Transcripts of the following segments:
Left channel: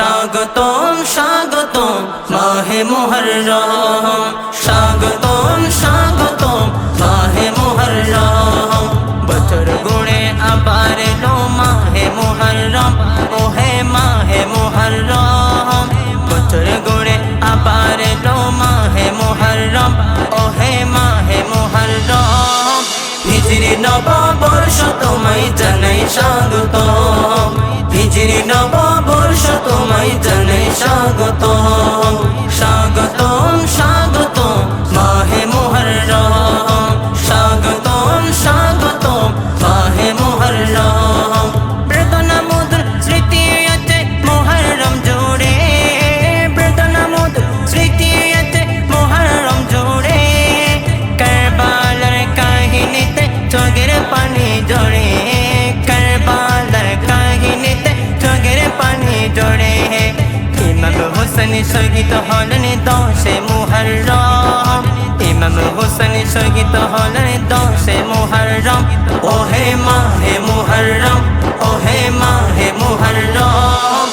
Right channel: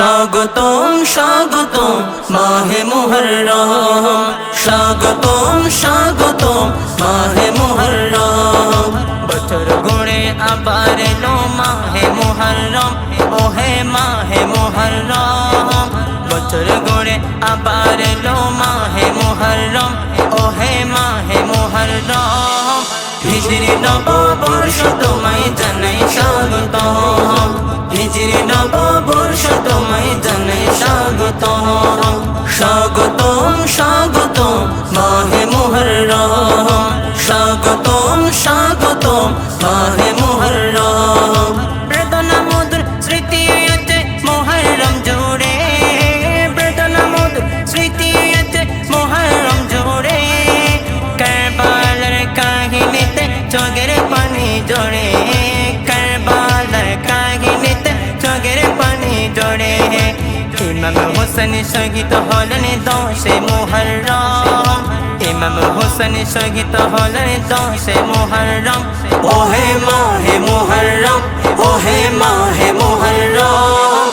স্বাগতম স্বাগতম মাহে মুহররম, স্বাগতম স্বাগতম মাহে মুহররম। বছর গুণে আবার এলো মাহে মুহররম, ওহে মাহে মুহররম। বছর গুণে আবার এলো মাহে মুহররম, ওহে মাহে মুহররম। হিজরি নববর্ষ তোমায় জানাই স্বাগতম, হিজরি নববর্ষ তোমায় জানাই স্বাগতম। স্বাগতম স্বাগতম মাহে মুহররম, স্বাগতম স্বাগতম মাহে মুহররম। বেদনা মধুর স্মৃতি আছে মুহররম জুড়ে, বেদনা মধুর স্মৃতি আছে মুহররম জুড়ে। কারবালার কাহিনীতে চোখের পানি জড়ে, কারবালার কাহিনীতে চোখের পানি জড়ে। ইমাম হোসেন শহীদ হলেন 10 মুহররম, ইমাম হোসেন শহীদ হলেন 10 মুহররম। ওহে মাহে মুহররম, ওহে মাহে মুহররম।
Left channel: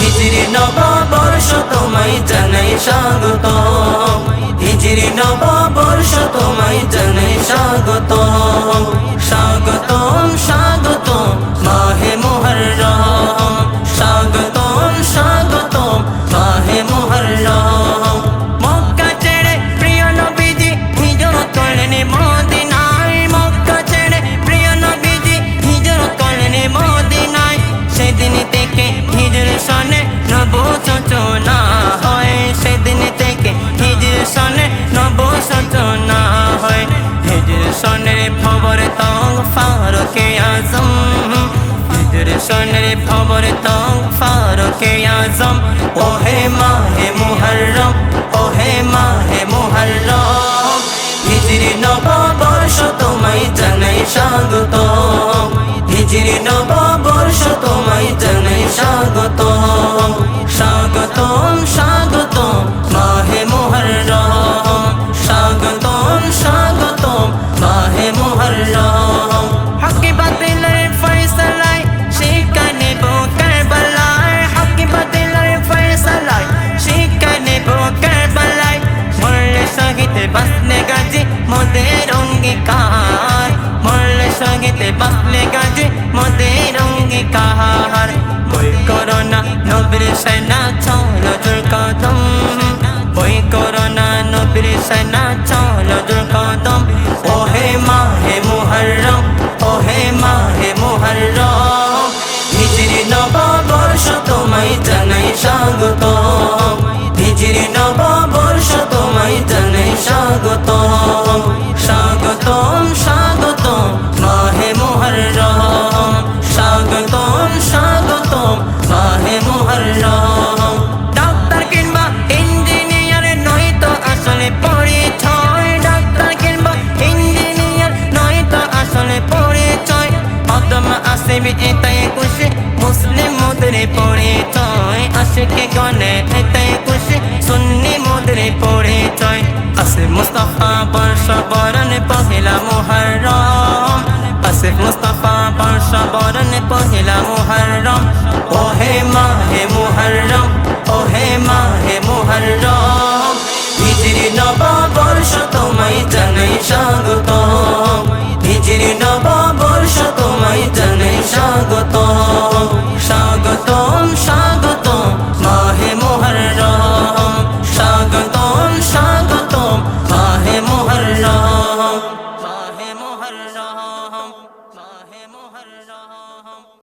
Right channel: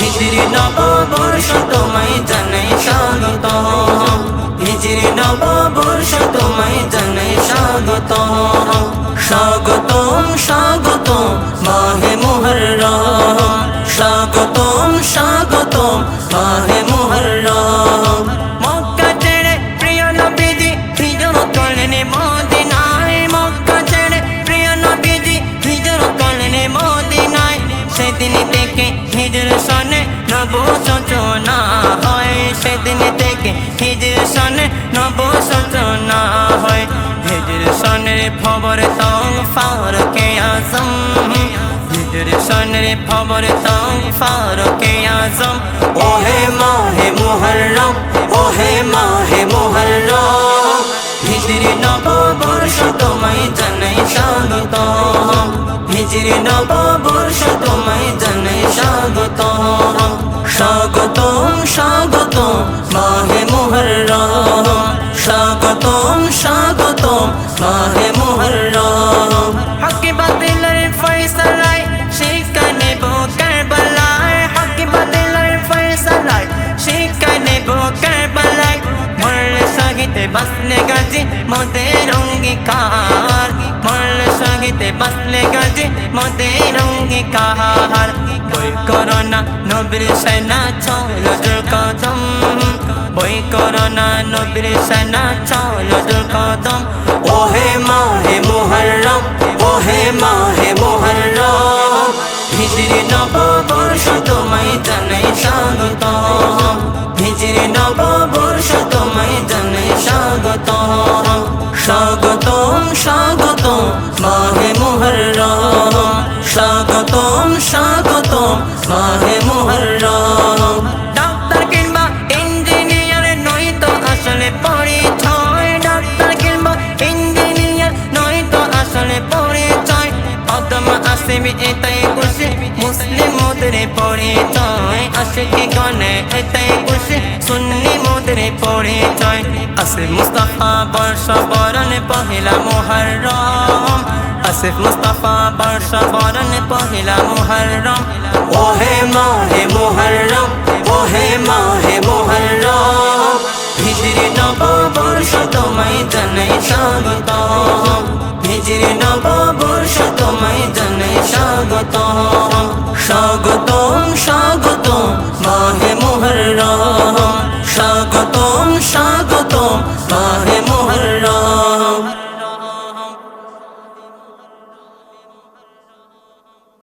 হিজরি নববর্ষ তোমায় জানাই স্বাগতম, হিজরি নববর্ষ তোমায় জানাই স্বাগতম। স্বাগতম স্বাগতম মাহে মুহররম, স্বাগতম স্বাগতম মাহে মুহররম। মক্কা ছেড়ে প্রিয় নবীজি হিজরত করলেন মদিনায়, মক্কা ছেড়ে প্রিয় নবীজি হিজরত করলেন মদিনায়। সেদিন থেকে হিজর সনে নব সূচনা হয়, সেদিন থেকে হিজর সনে নব সূচনা হয়। হিজর সনের খবর তং ফারুকে আজম, হিজর সনের খবর তং ফারুকে আজম। ওহে মাহে মুহররম, ওহে মাহে মুহররম। হিজরি নববর্ষ তোমায় জানাই স্বাগতম, হিজরি নববর্ষ তোমায় জানাই স্বাগতম। স্বাগতম স্বাগতম মাহে মুহররম, স্বাগতম স্বাগতম মাহে মুহররম। হক বাতিলের ফয়সালায় শিক্ষা নেব কারবালায়, হক বাতিলের ফয়সালায় শিক্ষা নেব কারবালায়। মরলে শহীদ বাঁচলে গাজী মোদের অঙ্গীকার, মরলে শহীদ বাঁচলে গাজী মোদের অঙ্গীকার। বই করোনা নবীর সেনা চলো জোর কদম, বই করোনা নবীর সেনা চলো জোর কদম। ওহে মাহে মুহররম, ওহে মাহে মুহররম। হিজরি নববর্ষ তোমায় জানাই স্বাগতম, হিজরি নববর্ষ তোমায় জানাই স্বাগতম। স্বাগতম স্বাগতম মাহে মুহররম, স্বাগতম স্বাগতম মাহে মুহররম। ডাক্তার কিংবা ইঞ্জিনিয়ার নয়তো আসলে পরিচয়, ডাক্তার কিংবা ইঞ্জিনিয়ার নয়তো আসলে পরিচয়। কদম আসিবি এটাই খুশি মুসলিম মোদের পরিচয়, আশিকে গনে এটাই খুশি সুন্নি মোদের পরিচয়। আসিফ মুস্তাফা বর্ষ বরণ পহিলা মুহররম, আসিফ মুস্তাফা বর্ষ বরণ পহিলা মুহররম। ওহে মাহে মুহররম, ওহে মাহে মুহররম। হিজরি নববর্ষ তোমায় জানাই স্বাগতম, হিজরি নববর্ষ তোমায় জানাই স্বাগতম। স্বাগত